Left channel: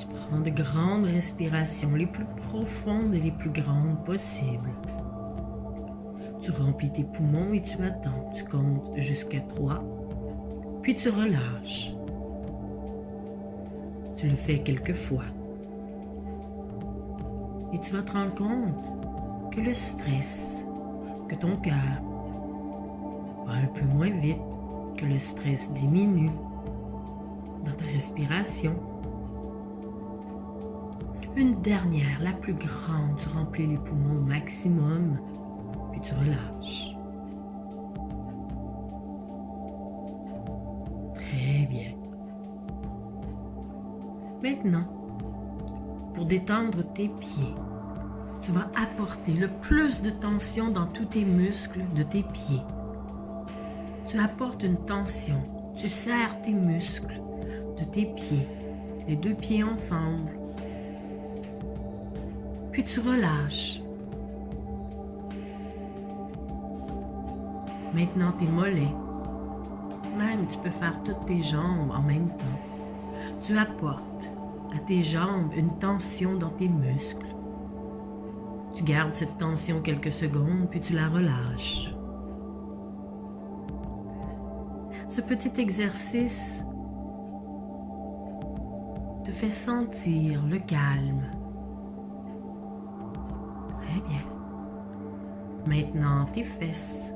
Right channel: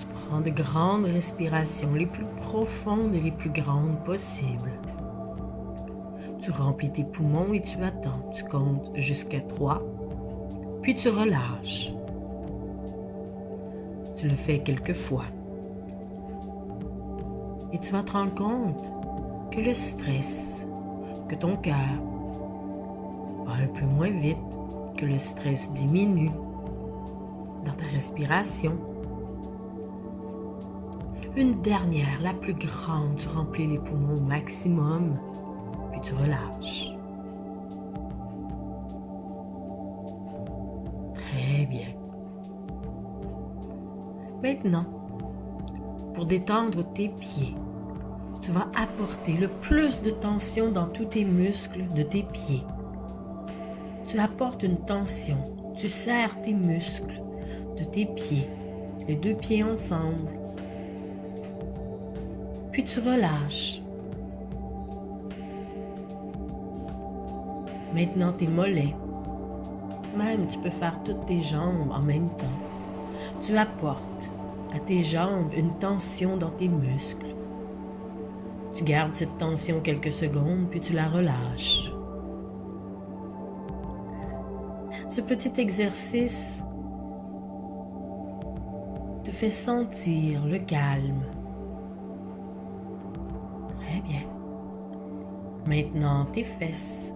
Tu prends de grandes respirations, les plus profondes et les plus grandes possibles. Tu remplis tes poumons et tu attends. Tu comptes jusqu'à 3, puis tu relâches. Tu le fais quelques fois. Et tu vas te rendre compte que le stress, que ton cœur va un peu moins vite, que le stress diminue dans ta respiration. Une dernière, la plus grande, tu remplis les poumons au maximum, puis tu relâches. Très bien. Maintenant, pour détendre tes pieds, tu vas apporter le plus de tension dans tous tes muscles de tes pieds. Tu apportes une tension, tu serres tes muscles de tes pieds, les deux pieds ensemble. Puis tu relâches. Maintenant tes mollets. Même tu peux faire toutes tes jambes en même temps. Tu apportes à tes jambes une tension dans tes muscles. Tu gardes cette tension quelques secondes, puis tu la relâches. Ce petit exercice te fait sentir le calme. Très bien. Maintenant, tes fesses.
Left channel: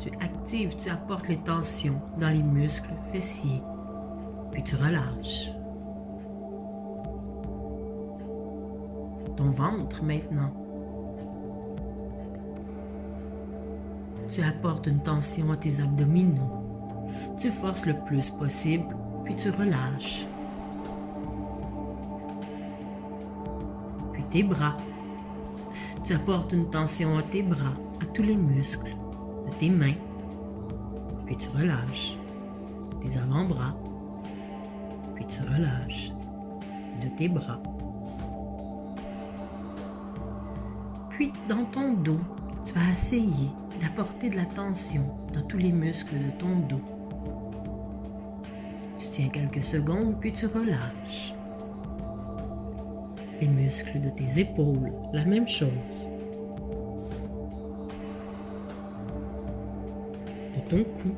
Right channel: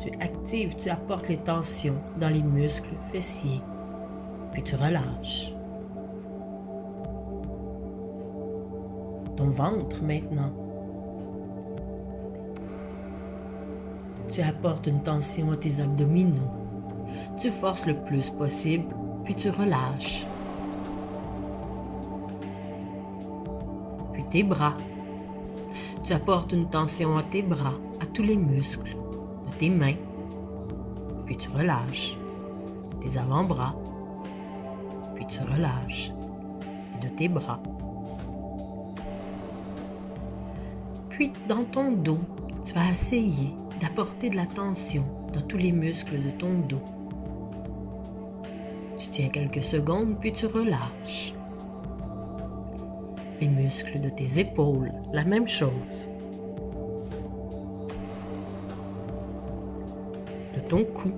Tu actives, tu apportes les tensions dans les muscles fessiers, puis tu relâches. Ton ventre maintenant. Tu apportes une tension à tes abdominaux. Tu forces le plus possible, puis tu relâches. Puis tes bras. Tu apportes une tension à tes bras, à tous les muscles de tes mains, puis tu relâches. Tes avant-bras, puis tu relâches. De tes bras. Puis dans ton dos, tu vas essayer d'apporter de la tension dans tous les muscles de ton dos. Tu tiens quelques secondes, puis tu relâches. Les muscles de tes épaules, la même chose. De ton cou.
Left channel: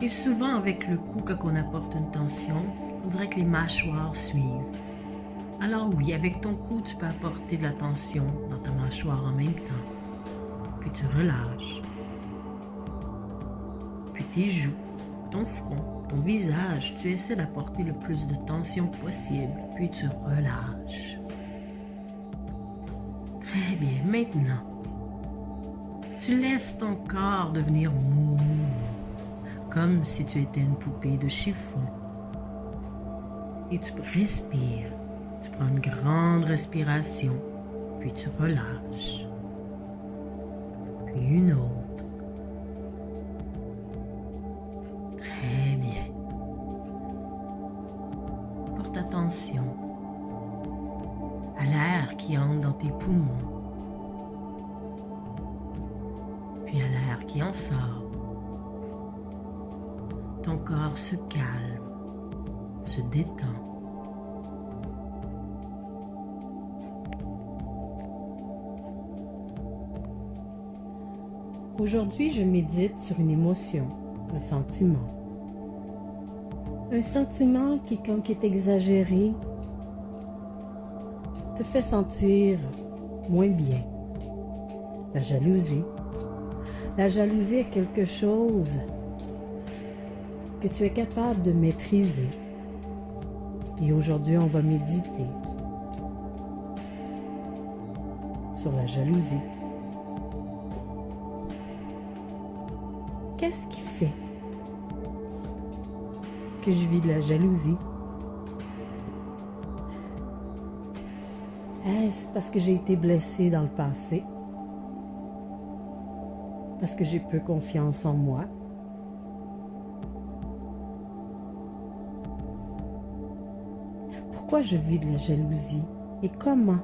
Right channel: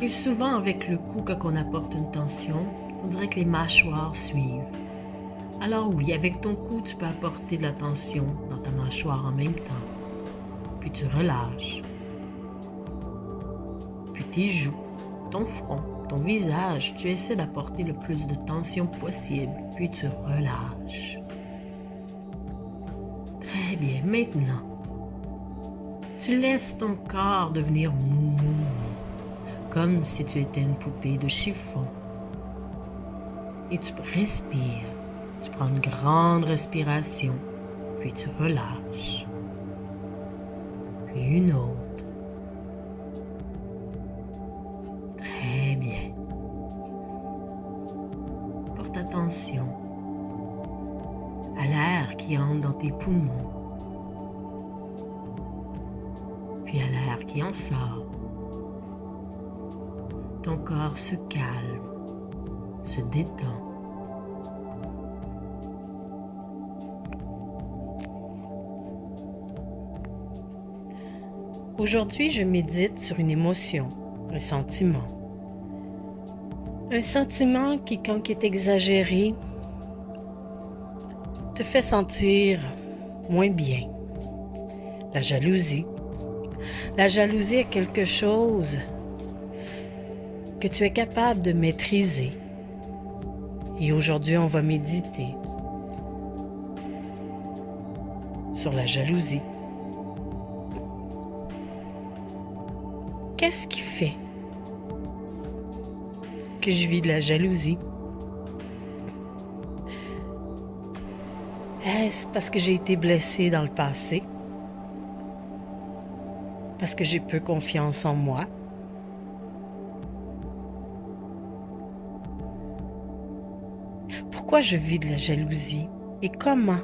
Et souvent avec le cou, quand on apporte une tension, on dirait que les mâchoires suivent. Alors oui, avec ton cou, tu peux apporter de la tension dans ta mâchoire en même temps. Puis tu relâches. Puis tes joues, ton front, ton visage, tu essaies d'apporter le plus de tension possible. Puis tu relâches. Très bien, maintenant, tu laisses ton corps devenir mou, comme si tu étais une poupée de chiffon. Et tu respires. Tu prends une grande respiration, puis tu relâches. Puis une autre. Très bien. Porte attention à l'air qui entre dans tes poumons, puis à l'air qui en sort. Ton corps se calme, se détend. Aujourd'hui, je médite sur une émotion, un sentiment. Un sentiment qui, quand il est exagéré, te fait sentir moins bien. La jalousie. La jalousie est quelque chose que tu es capable de maîtriser. Et aujourd'hui, on va méditer sur la jalousie. Qu'est-ce qui fait que je vis de la jalousie? Est-ce parce que j'ai été blessée dans le passé? Parce que j'ai peu confiance en moi? Pourquoi je vis de la jalousie? Et comment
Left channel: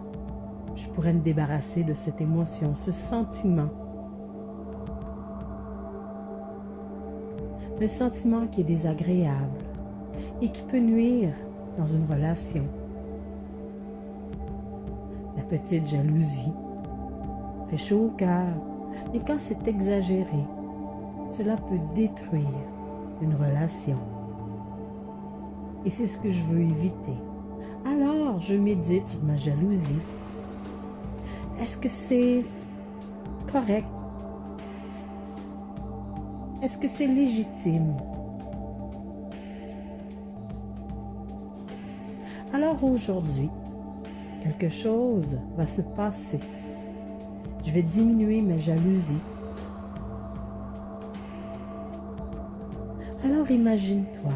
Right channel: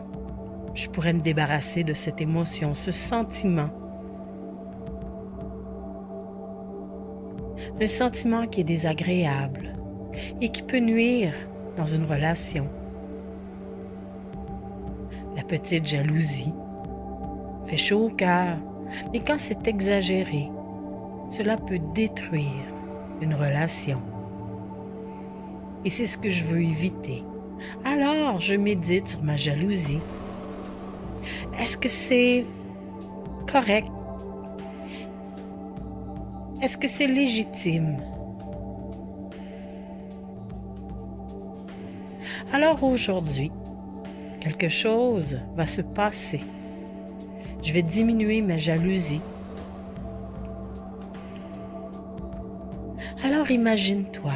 je pourrais me débarrasser de cette émotion, ce sentiment? un sentiment qui est désagréable et qui peut nuire dans une relation. La petite jalousie fait chaud au cœur, mais quand c'est exagéré, cela peut détruire une relation. Et c'est ce que je veux éviter. Alors, je médite sur ma jalousie. Est-ce que c'est correct? Est-ce que c'est légitime? Alors aujourd'hui, quelque chose va se passer. Je vais diminuer ma jalousie. Alors imagine-toi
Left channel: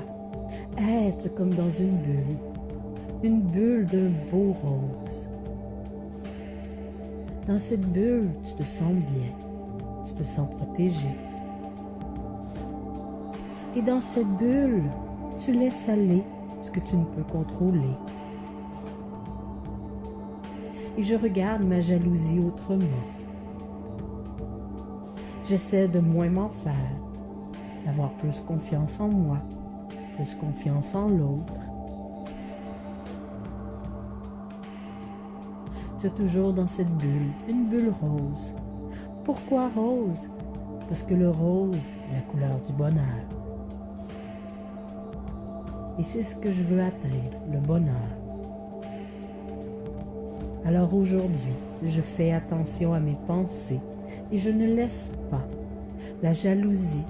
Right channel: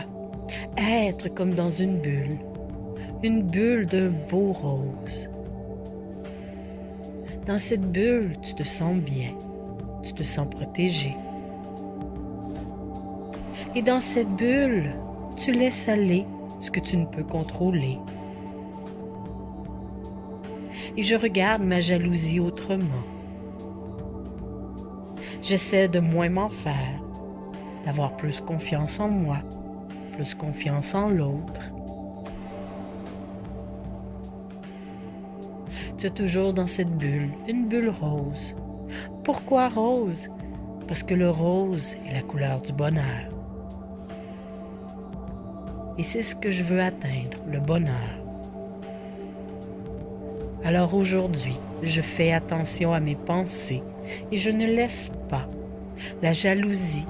être comme dans une bulle d'un beau rose. Dans cette bulle, tu te sens bien, tu te sens protégé. Et dans cette bulle, tu laisses aller ce que tu ne peux contrôler. Et je regarde ma jalousie autrement. J'essaie de moins m'en faire, d'avoir plus confiance en moi, plus confiance en l'autre. Tu es toujours dans cette bulle, une bulle rose. Pourquoi rose? Parce que le rose est la couleur du bonheur. Et c'est ce que je veux atteindre, le bonheur. Alors aujourd'hui, je fais attention à mes pensées et je ne laisse pas la jalousie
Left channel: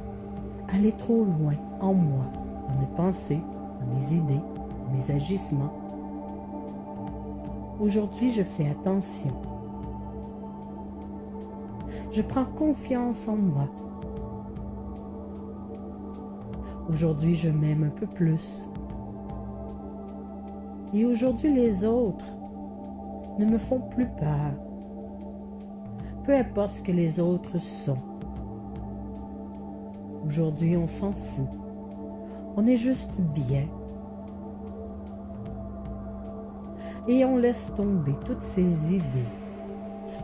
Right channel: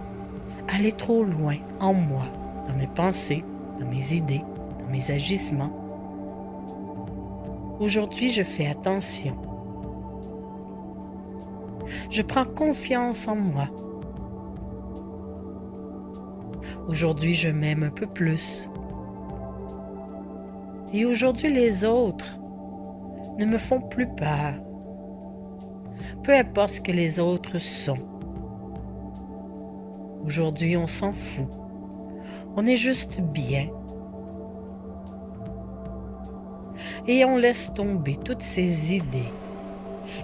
aller trop loin en moi, dans mes pensées, dans mes idées, dans mes agissements. Aujourd'hui, je fais attention. Je prends confiance en moi. Aujourd'hui, je m'aime un peu plus. Et aujourd'hui, les autres ne me font plus peur. Peu importe ce que les autres sont. Aujourd'hui, on s'en fout. On est juste bien. Et on laisse tomber toutes ces idées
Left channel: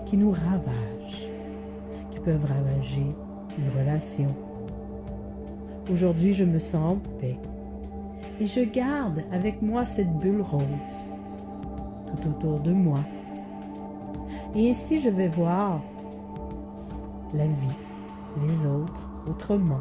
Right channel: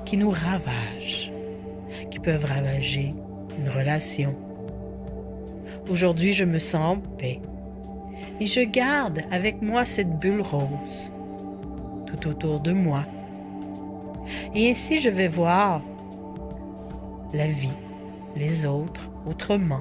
qui nous ravagent, qui peuvent ravager une relation. Aujourd'hui, je me sens en paix et je garde avec moi cette bulle rose tout autour de moi. Et ainsi, je vais voir la vie, les autres autrement.